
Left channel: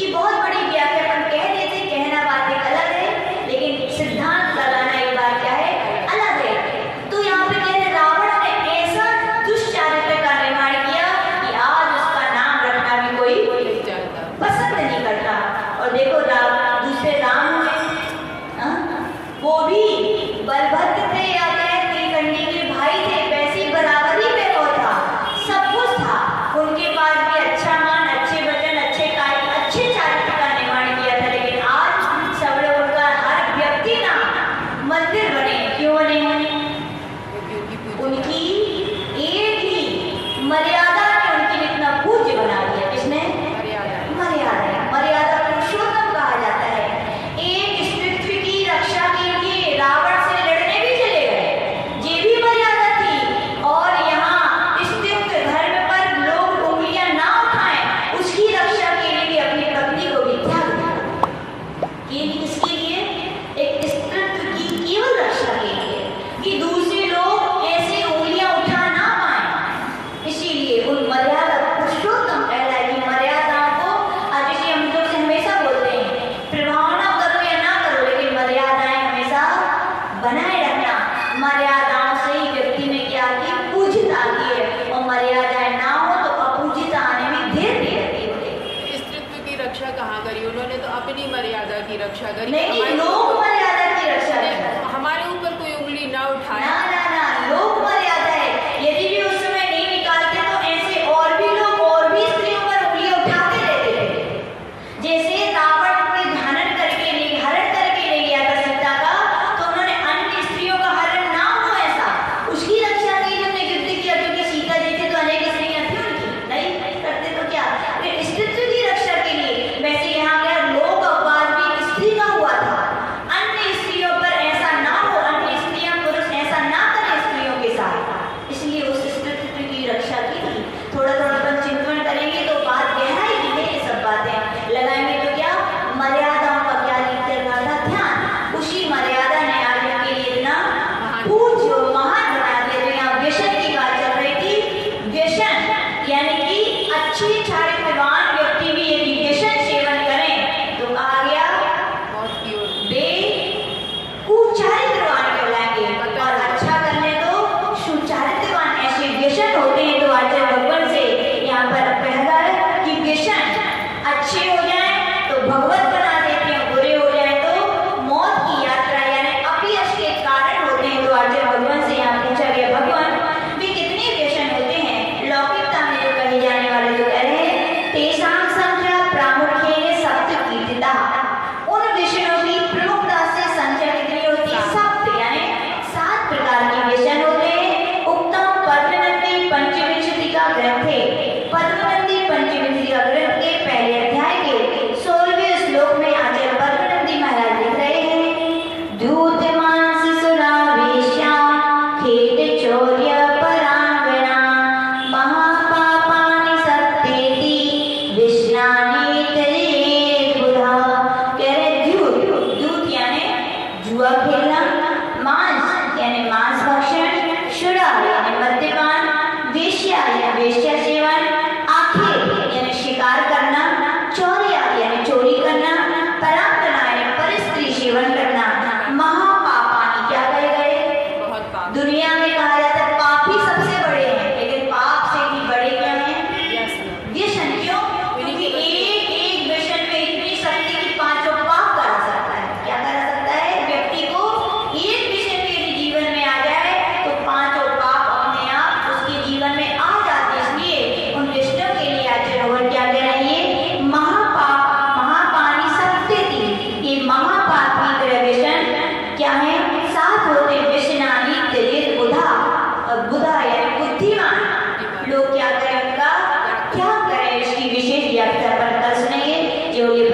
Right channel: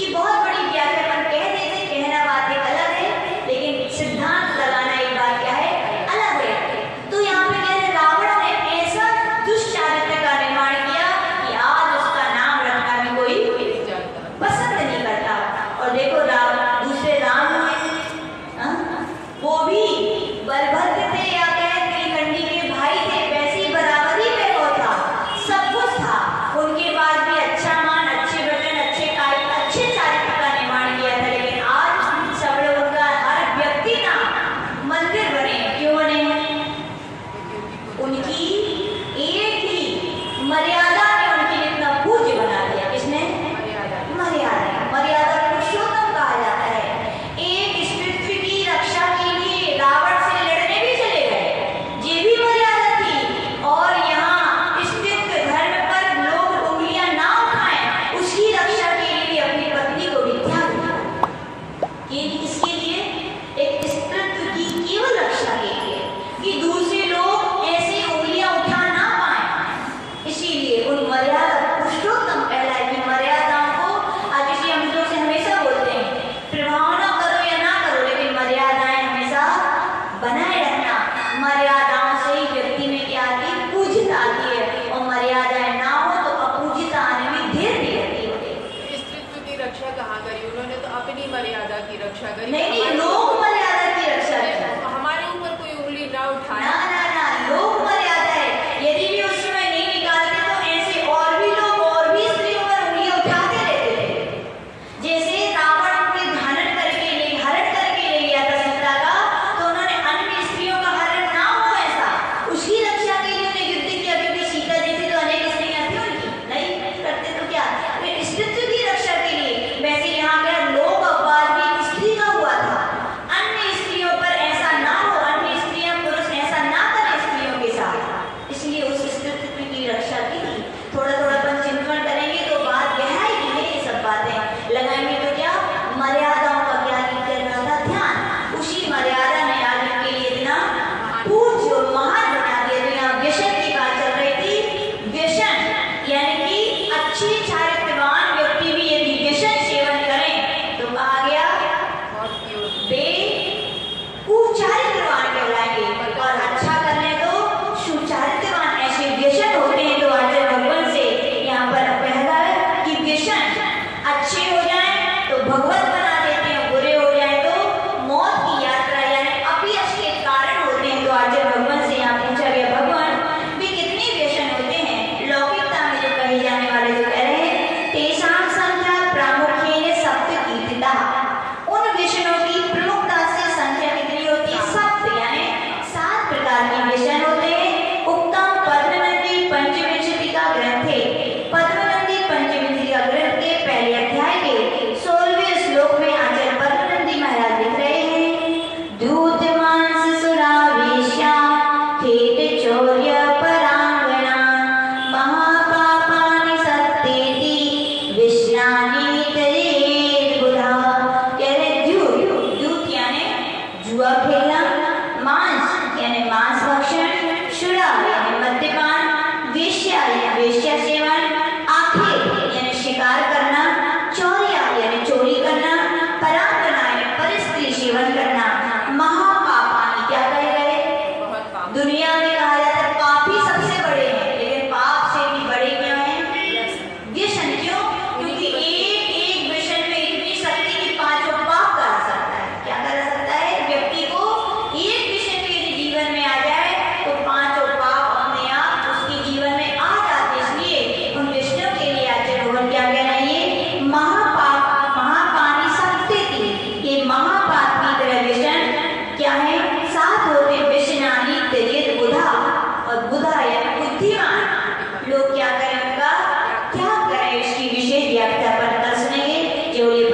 इसकी बहुत बड़ी व्याख्या अपन कह देते, कहना बात एक अलग है, लेकिन सिद्धांत लगाना एक बात क्या है, अलग है। तो यहाँ पे कह रहे रावण ने ऐसा दुष्चारित्र का निर्माण किया कि आज उसका नाम रखना भी कोई पसंद नहीं करता। और देखो दूसरे राम हुए, वो भी बलभद्र थे या कहे त्रिकंडी के भाई थे, वैसी बराबरी में वो था, सब कुछ था, उनके बाद भी अच्छा मान, अच्छे वचन, अच्छे कार्य, अच्छे चारित्र का निर्माण किया था। लेकिन आज सब लोग उनका हर व्यक्ति ना मंदिर बने, क्यों बने? उनकी एक ही मर्यादा ने उनके लिए इतना पूज्य बना दिया। किसने? मर्यादा पुरुषोत्तम कहा जाता है। एक स्त्रीत्व की रक्षा के लिए रावण से लड़ने भी चले गए, ये भी मर्यादा थी। और यहाँ स्त्रीत्व धर्म पर लोग उंगलियां ना उठाएं, उसकी रक्षा के लिए भी अपनी पत्नी को भी त्याग दिया। इसके लिए एक स्त्रीत्व की केवल रक्षा के लिए कि दूसरे लोग ऐसे उंगलियां उठा ना पाए, इसीलिए उन मर्यादा पुरुषोत्तम कहलाएगी मर्यादाओं को। आज इसी हम लोग से हमेशा बोलते हैं प्रभावना करो या ना करो, लेकिन मर्यादाएं हमेशा बनाए रखना। मर्यादाओं से ही व्यक्ति में क्या आती है? पूज्यता आती है, और मर्यादाएं ना हो तो अपूज्यता आने में देर नहीं लगती है। स्त्रीत्व की रक्षा कहाँ करी? उन्होंने तो अपनी मर्यादा की रक्षा करी। नहीं, लोग मर्यादा की रक्षा करते। हमारे ऊपर कोई उंगली ना उठाए। ना, लोग मर्यादा है। यदि भी उस समय नहीं निकालते तो ऐसे और भी लोग और भी स्त्रियों पर उंगली उठाते रहते थे। जैसे रावण ने हरण करके ले गया था सीता का, तो उन्होंने अन्य स्त्रियों का हरण ना हो ऐसा, उसकी रक्षा के लिए उन्हें युद्ध किया, क्योंकि सीता जी थी तो अनेक स्त्रियां थी उनकी, नहीं करते तो क्या? स्त्रीत्व की रक्षा के लिए। वैसे यहाँ पर लोक अपवाद भी एक स्त्री का हुआ था, अन्य स्त्रियों पर ऐसा ना हो, अन्य स्त्रियां पुरुष ऐसा ना करें स्त्रियों के साथ, इसलिए उस स्त्रीत्व की रक्षा की थी। थोड़ा अपन चिंतन करेंगे तो बात गहराई में ये सब बातें लगाएंगे तो क्या मर्यादाओं का क्या चल रहा था ध्यान, उसी मर्यादा ने आज उनके लिए इतना पूज्य और महान बना दिया। बिना व्यसन की बात चल रही थी, व्यसन यानी कि अच्छी चारित्रवान व्यक्ति भी यदि व्यसन सेवन करें तो कहा गया वे कुचारित्रवान कहलाएंगे, और अच्छा करने तो सुचारित्रवान। ऐसे व्यसन होते हैं तो आचार्य भगवान से यहाँ पर कह रहा है कि व्यसन अच्छे हो जाए तो भगवत बना देते हैं, बुरे हो जाए तो मौत की यात्रा यानी अपयश के कारण होते हैं। तो आचार्य भगवान से यहाँ पूछा गया, भगवान वे कितने व्यसन होते हैं? लौकिकता में जो कहे जाने वाले जो कह रहे हैं, तेषां संख्या प्रामुख्येन सप्त कीर्तिता, उन व्यसनों की प्रमुखता से संख्या कितनी होती है? सप्त यानी 7 प्रकार के व्यसन होते हैं। उत्तम पद्मनंदी पंचविंशति का ग्रंथ है। पद्मनंदी पंचविंशति का ग्रंथ के पहले अध्याय के 16वें श्लोक में आचार्य पद्मनंदी महाराज लिख रहे हैं, दूध मांस सुरावेश्या खेट चौर्य परांगणा महापापानि सत्तेति विष्णानि तरेत बुधा। कह रहे दूध यानी जुआ खेलना, मांस यानी मांस भक्षण, शुरा यानी मद्यपान, वेश्या यानी वेश्या सेवन, आखेट यानी शिकार करना, चौर्या यानी चोरी करना, परांगना यानी परस्त्री सेवन करना, महापापानि क्या कहे गए? दुनिया में कहा जाता है पाप ही सबसे बड़े हैं, लेकिन पाप से भी बड़े क्या हैं? व्यसन। क्यों? क्योंकि एक व्यसन में इतनी शक्ति की 5 पाप करा सकता है। क्या करा सकता है? व्यक्ति को एक व्यसन के जीवन में आ जाए तो 5 पाप अपने आप उसके जीवन में आ जाते। इसलिए उन व्यसनों के लिए आचार्य भगवान क्या कह रहे हैं? महापाप महापानी सप्तेति, ये महापाप की तरह व्यसन क्या है? 7 होते व्यसनानि त्यजेत बुधा, और बुधा यानी बुद्धिमान लोग क्या करें? उनका क्या करें? इसकी विशेष व्याख्या पर कल सुनेंगे। जो ये